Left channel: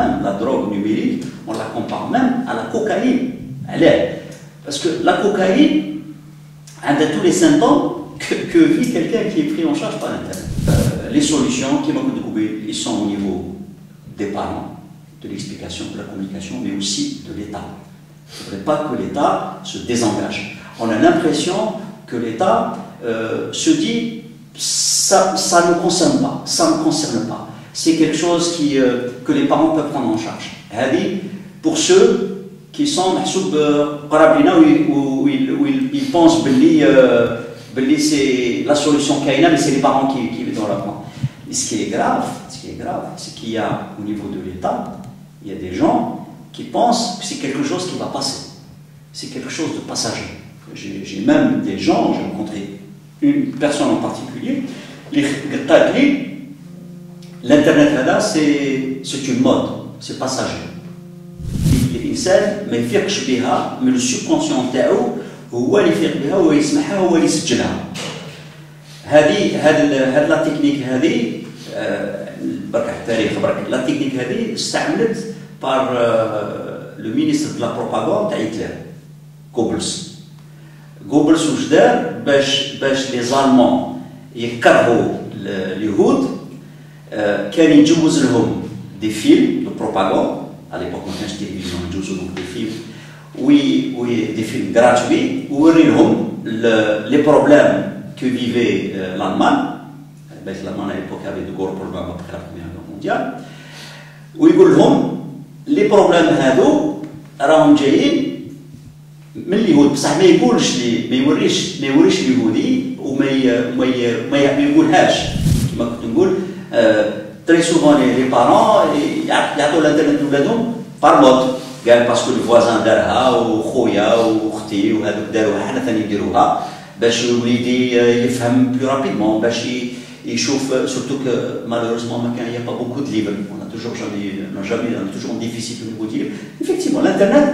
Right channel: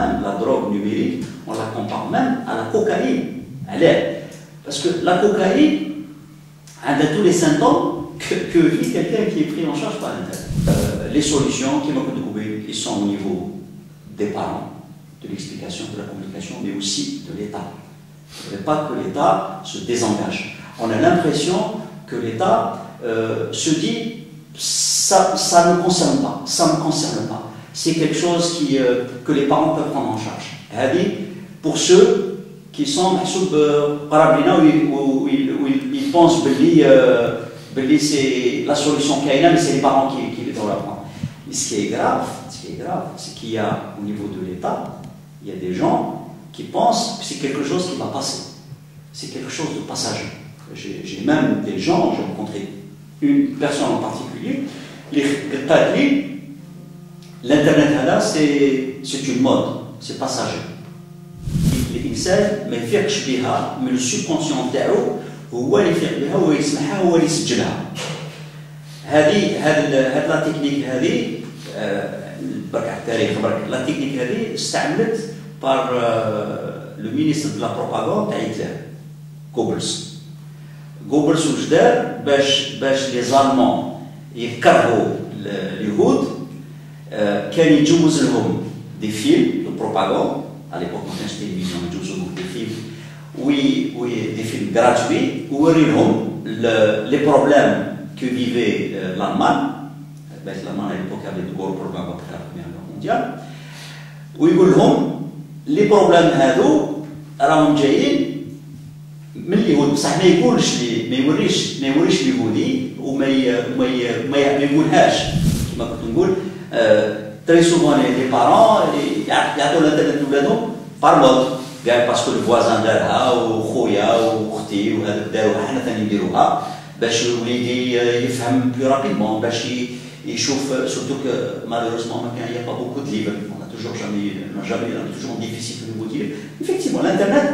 même la drogue numérique, on la compare même à la cocaïne. Parce que la cocaïne a tous les symptômes que vit quelqu'un qui est pris en charge par l'Internet. Les solutions qui m'ont découvert, ils sont au niveau des parents, de l'explication, de la communication, mais aussi de l'État. Il ne faudrait pas que l'État se désengage. On a l'impression que l'État se dit ça ne me concerne pas, ça ne me concerne pas. C'est quelque chose que les parents peuvent prendre en charge. Pour ceux qui sont où ils pensent que c'est la solution kaina, mais c'est les parents qui doivent la prendre. Et ce qui est grave, c'est qu'il y a au niveau de l'État, il y a des gens qui pensent que c'est quelque chose qui va passer. C'est quelque chose de passager. J'ai même des gens, j'ai rencontré une personne en particulier, l'Internet, c'est une mode, c'est passager. الإنسان ما يفيقش بها من السبكونسيون تاعو هو اللي يفيق بها هو يسمعها هو اللي يسجلها. هذه لا تكنيك هذه برك التاريخ برك لا تكنيك هذه استعملت بار لو مينيستر دو لا بروباغوند تاع هتلر غوبلز واش دار باش لي زالمون يكرهوا اليهود كان يجوز لهم دي فيلم دو بروباغوند. À l'époque, on avait une télévision, on jouait beaucoup de films, oui, des films gratuits, où les problèmes que vivait l'Allemagne. L'Allemagne à l'époque avait de gros problèmes après la Première Guerre mondiale. Où les problèmes راهم جايين من اليهود بصح ما يوريش اليهودي وما يقولهاش كما كنت نقول. Très souvent, les parents, ils ont l'internet par mode. Parce que le voisin d'Alha, ou Khoya, ou Khti, ou Hadoudarouha, Hanathani Dirouha, l'idée يفهم plus rapidement. Il chauffe, surtout que malheureusement, il n'y a pas beaucoup de livres. On a toujours un déficit au niveau de livres. Effectivement, l'internet,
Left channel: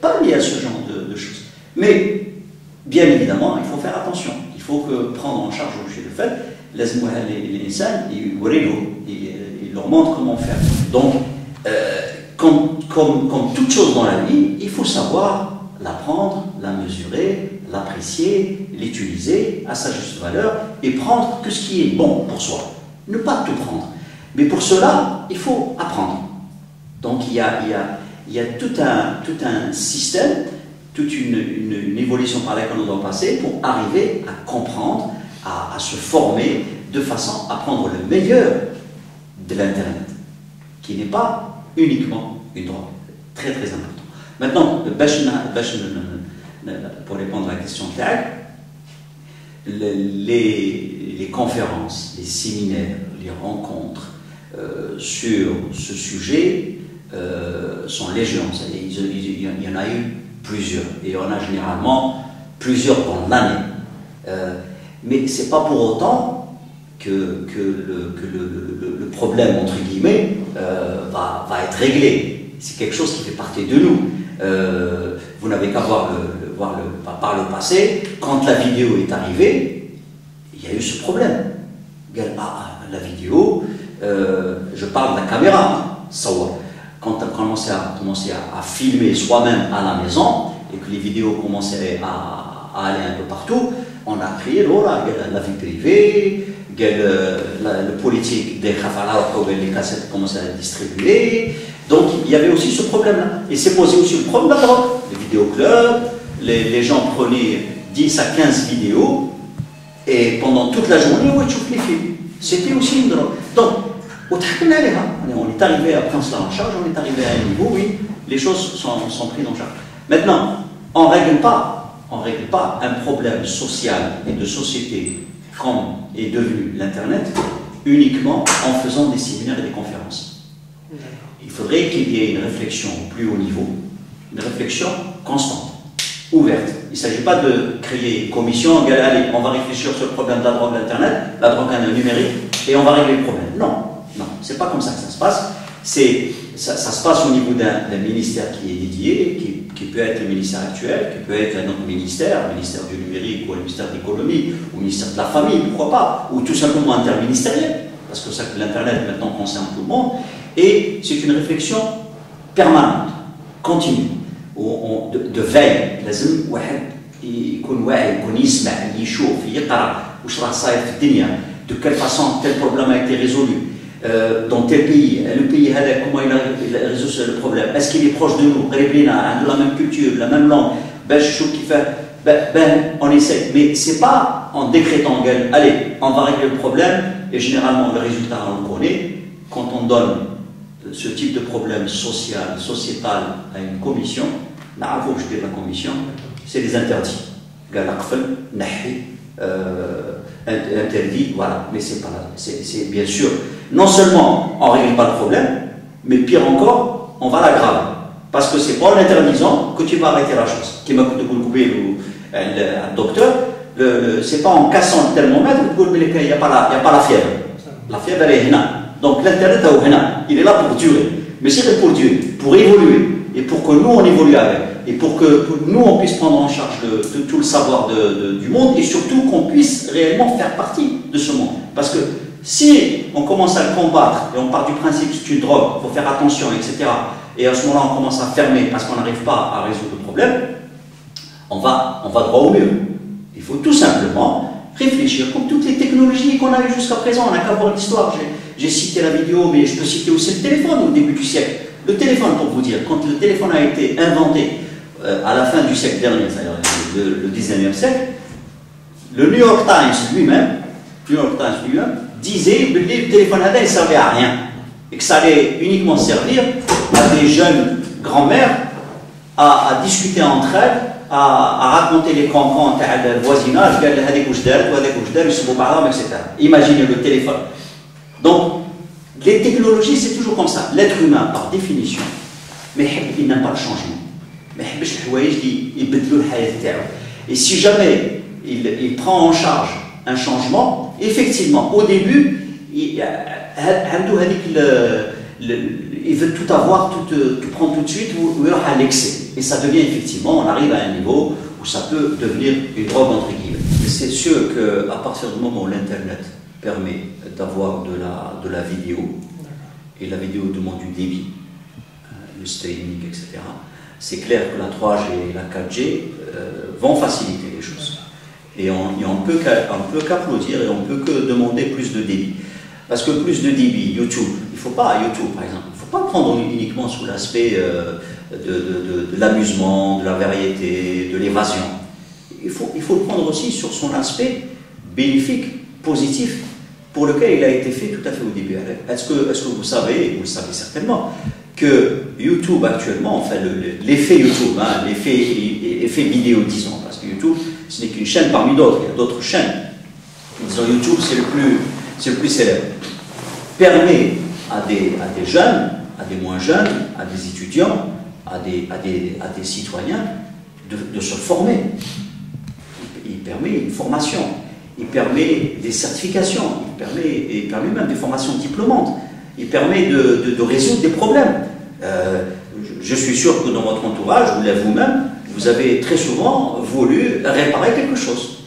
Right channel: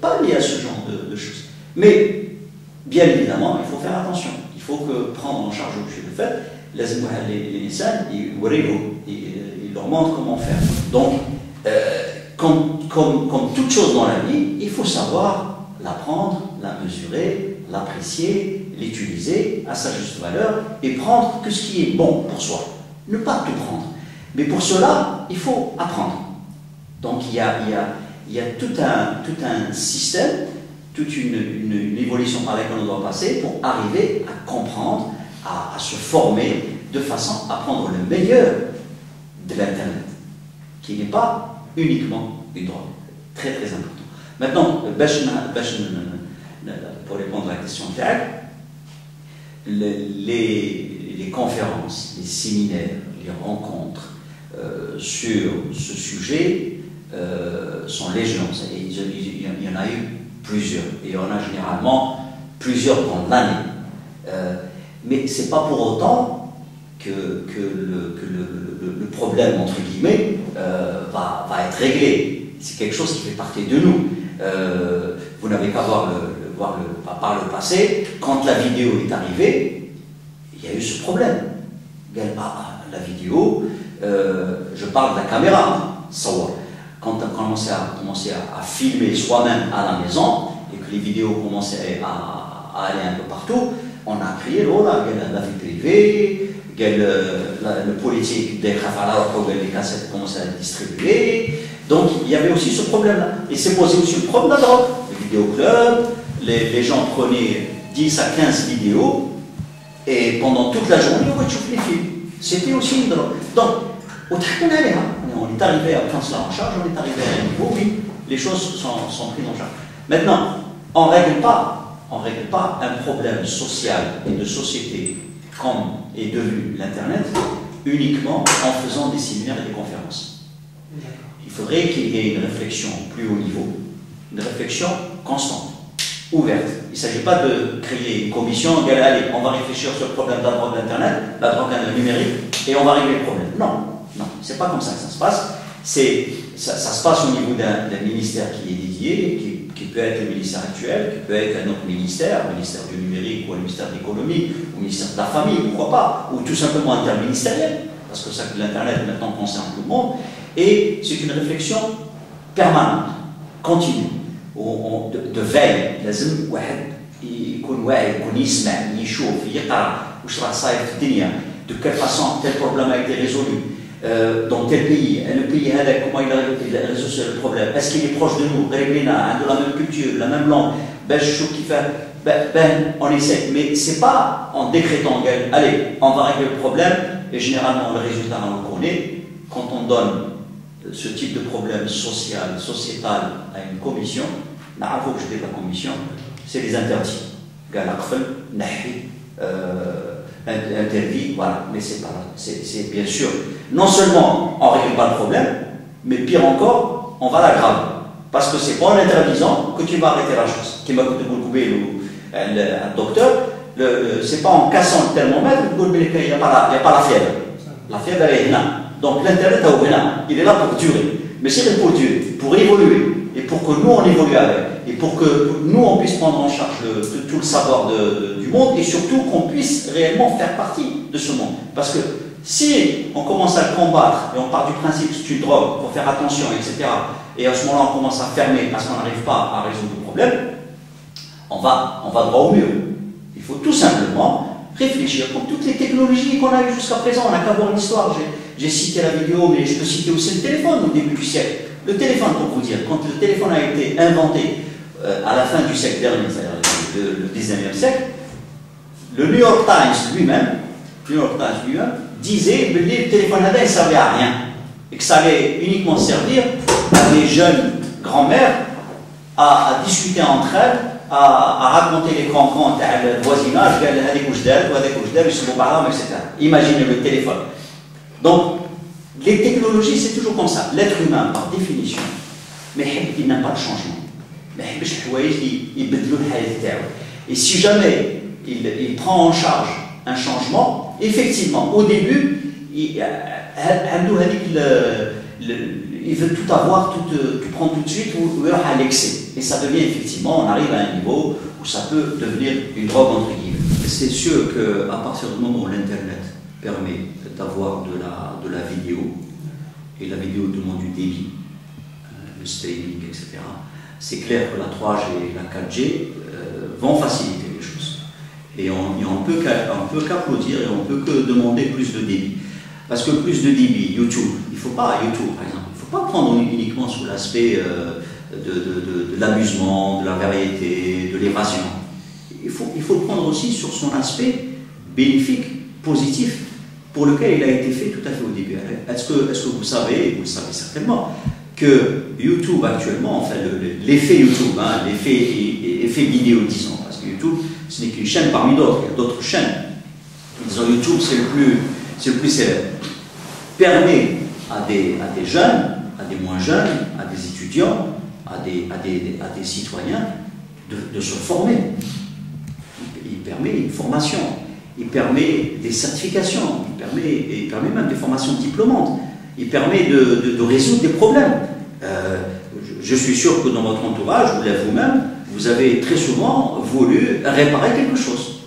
pas lié à ce genre de choses. Mais, bien évidemment, il faut faire attention. Il faut prendre en charge le fait. Les insan, il leur montre comment faire. Donc, comme toute chose dans la vie, il faut savoir l'apprendre, la mesurer, l'apprécier, l'utiliser à sa juste valeur et prendre que ce qui est bon pour soi. Ne pas tout prendre. Mais pour cela, il faut apprendre. Donc, il y a tout un système, toute une évolution par laquelle on doit passer pour arriver à comprendre, à se former de façon à prendre le meilleur de l'Internet, qui n'est pas uniquement une drogue. Très très important. Maintenant, pour répondre à la question de Tag, les conférences, les séminaires, les rencontres sur ce sujet sont légion. Il y en a eu plusieurs, et il y en a généralement plusieurs dans l'année. Mais ce n'est pas pour autant que le problème, entre guillemets, va être réglé. C'est quelque chose qui fait partie de nous. Vous n'avez qu'à voir par le passé, quand la vidéo est arrivée, il y a eu ce problème. La vidéo, je parle de la caméra, quand on a commencé à filmer soi-même à la maison, et que les vidéos commençaient à aller un peu partout, on a crié, la vie privée, le politique des Khafara, les cassettes commençaient à distribuer. Donc il y avait aussi ce problème-là. Il s'est posé aussi le problème de la drogue. Les vidéoclubs, les gens prenaient 10 à 15 vidéos, et pendant toute la journée, on chouffe les films. C'était aussi une drogue. Donc, on est arrivé à prendre cela en charge, on est arrivé à un niveau, oui, les choses sont prises en charge. Maintenant, on ne règle pas un problème social et de société comme est devenu l'Internet uniquement en faisant des séminaires et des conférences. Il faudrait qu'il y ait une réflexion plus haut niveau, une réflexion constante, ouverte. Il ne s'agit pas de créer une commission, allez, on va réfléchir sur le problème de la drogue d'Internet, la drogue numérique, et on va régler le problème. Non, c'est pas comme ça que ça se passe. Ça se passe au niveau d'un ministère qui est dédié, qui peut être le ministère actuel, qui peut être un autre ministère, le ministère du numérique ou le ministère de l'économie, ou le ministère de la famille, pourquoi pas, ou tout simplement interministériel, parce que ça, l'Internet maintenant concerne tout le monde. Et c'est une réflexion permanente, continue, de veille. لازم واحد يكون واعي يكون يسمع يشوف يقرا واش راه صاير في الدنيا. De quelle façon tel problème a été résolu dans tel pays, le pays comment il a résolu le problème, est-ce qu'il est proche de nous, la même culture, la même langue, on essaie, mais c'est pas en décrétant, allez, on va régler le problème, et généralement le résultat on le connaît, quand on donne ce type de problème social, sociétal à une commission, la commission, c'est des interdits. Interdit, voilà, mais c'est pas, c'est bien sûr, non seulement on ne règle pas le problème, mais pire encore, on va l'aggraver. Parce que c'est pas en interdisant que tu vas arrêter la chose. Qui m'a coûté le docteur, c'est pas en cassant le thermomètre qu'il n'y a pas la fièvre. La fièvre, elle est là. Donc l'internet, il est là pour durer. Mais c'est pour durer, pour évoluer. Et pour que nous, on évolue avec. Et pour que nous, on puisse prendre en charge tout le savoir du monde. Et surtout qu'on puisse réellement faire partie de ce monde. Parce que si on commence à le combattre, et on part du principe que c'est une drogue, il faut faire attention, etc. Et à ce moment-là, on commence à fermer parce qu'on n'arrive pas à résoudre le problème, on va droit au mur. Il faut tout simplement réfléchir, comme toutes les technologies qu'on a eues jusqu'à présent. On n'a qu'à voir l'histoire. J'ai cité la vidéo, mais je peux citer aussi le téléphone au début du siècle. Le téléphone, pour vous dire, quand le téléphone a été inventé à la fin du siècle dernier, c'est-à-dire le 19e siècle, le New York Times lui-même disait que le téléphone ne servait à rien et que ça allait uniquement servir à des jeunes grand-mères à discuter entre elles, à raconter les cancans du voisinage, etc. Imaginez le téléphone. Donc, les technologies, c'est toujours comme ça. L'être humain, par définition, mais il n'a pas le changement. Et si jamais il prend en charge un changement, effectivement, au début, il veut tout avoir, tout prendre tout de suite, ou à l'excès. Et ça devient effectivement, on arrive à un niveau où ça peut devenir une drogue entre guillemets. C'est sûr qu'à partir du moment où l'Internet permet d'avoir de la vidéo, et la vidéo demande du débit, le streaming, etc., c'est clair que la 3G et la 4G vont faciliter les choses. Et on ne peut qu'applaudir et on ne peut que demander plus de débit. Parce que plus de débit, YouTube, il ne faut pas, YouTube par exemple, il ne faut pas prendre uniquement sous l'aspect de l'amusement, de la variété, de l'évasion. Il faut le prendre aussi sur son aspect bénéfique, positif, pour lequel il a été fait tout à fait au début. Est-ce que vous savez, et vous le savez certainement, que YouTube actuellement, enfin l'effet YouTube, hein, l'effet vidéo disons, parce que YouTube ce n'est qu'une chaîne parmi d'autres, il y a d'autres chaînes, disons YouTube c'est le plus célèbre, permet à des jeunes, à des moins jeunes, à des étudiants, à des citoyens de se former. Il permet une formation, il permet des certifications, il permet même des formations diplômantes, il permet de résoudre des problèmes. Je suis sûr que dans votre entourage, vous-même, vous avez très souvent voulu réparer quelque chose.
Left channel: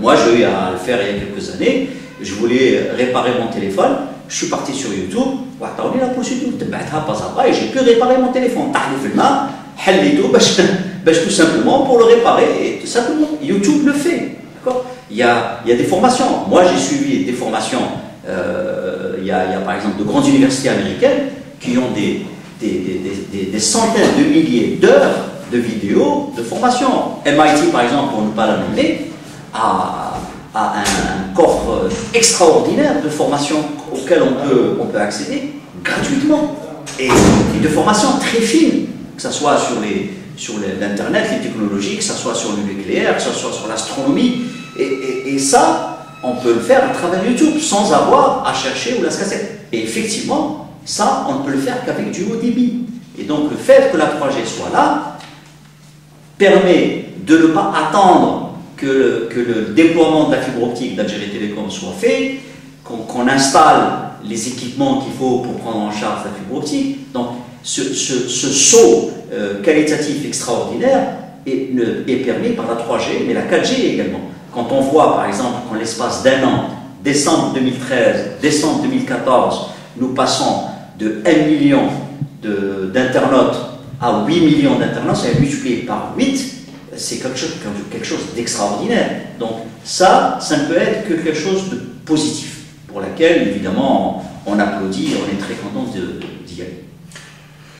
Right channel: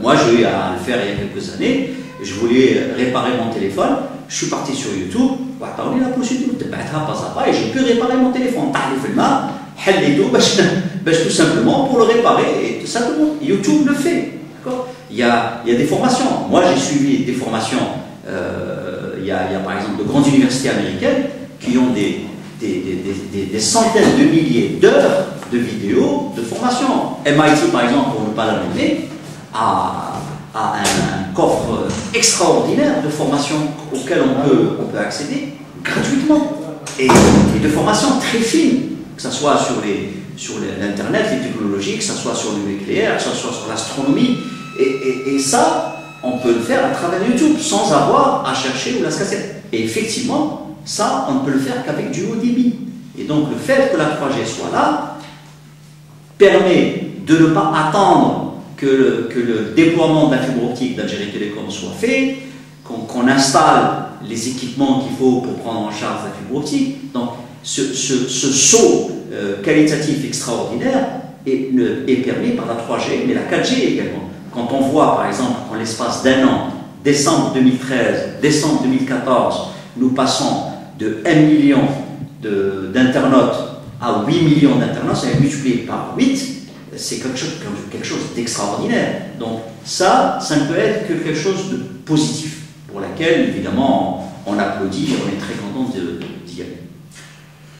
Moi, j'ai eu à le faire il y a quelques années, je voulais réparer mon téléphone, je suis parti sur YouTube, et j'ai pu réparer mon téléphone. Tout simplement pour le réparer, et tout simplement, YouTube le fait. Il y a des formations. Moi, j'ai suivi des formations. Il y a par exemple de grandes universités américaines qui ont des centaines de milliers d'heures de vidéos de formation. MIT, par exemple, pour ne pas la nommer, a un coffre extraordinaire de formations auxquelles on peut accéder gratuitement. Et de formations très fines, que ce soit sur l'Internet, les technologies, que ce soit sur le nucléaire, que ce soit sur l'astronomie. Et ça, on peut le faire à travers YouTube, sans avoir à chercher ou la cassette. Et effectivement, ça, on ne peut le faire qu'avec du haut débit. Et donc, le fait que la 3G soit là, permet de ne pas attendre que le déploiement de la fibre optique d'Algérie Télécom soit fait, qu'on installe les équipements qu'il faut pour prendre en charge la fibre optique. Donc, ce saut qualitatif extraordinaire est permis par la 3G, mais la 4G également. Quand on voit, par exemple, qu'en l'espace d'un an, décembre 2013, décembre 2014, nous passons de 1 million d'internautes à 8 millions d'internautes, ça va multiplier par 8, c'est quelque chose d'extraordinaire. Donc ça ne peut être que quelque chose de positif, pour laquelle, évidemment, on applaudit et on est très content d'y aller.